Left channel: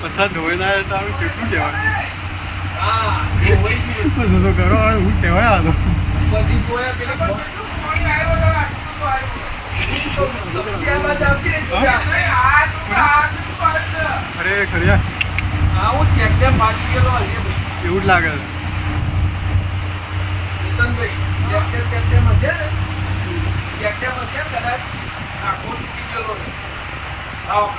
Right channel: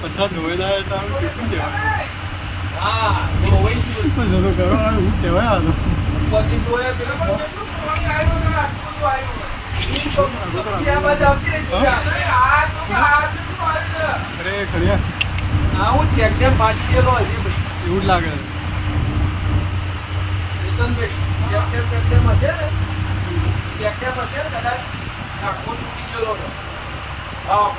પથ્થર ધોઈ ના તો આવું કેટલું કહેવાય તો કરો હું કહેવાય આ તો અરે ખરી હું ચેકડેમ બાકી ગયેલો હશે ભાઈ એવું જ લાગે છે ચેકડેમ હશે ને ચેકડેમ હશે કદાચ આખો તૂટી ગયેલો ને લાવો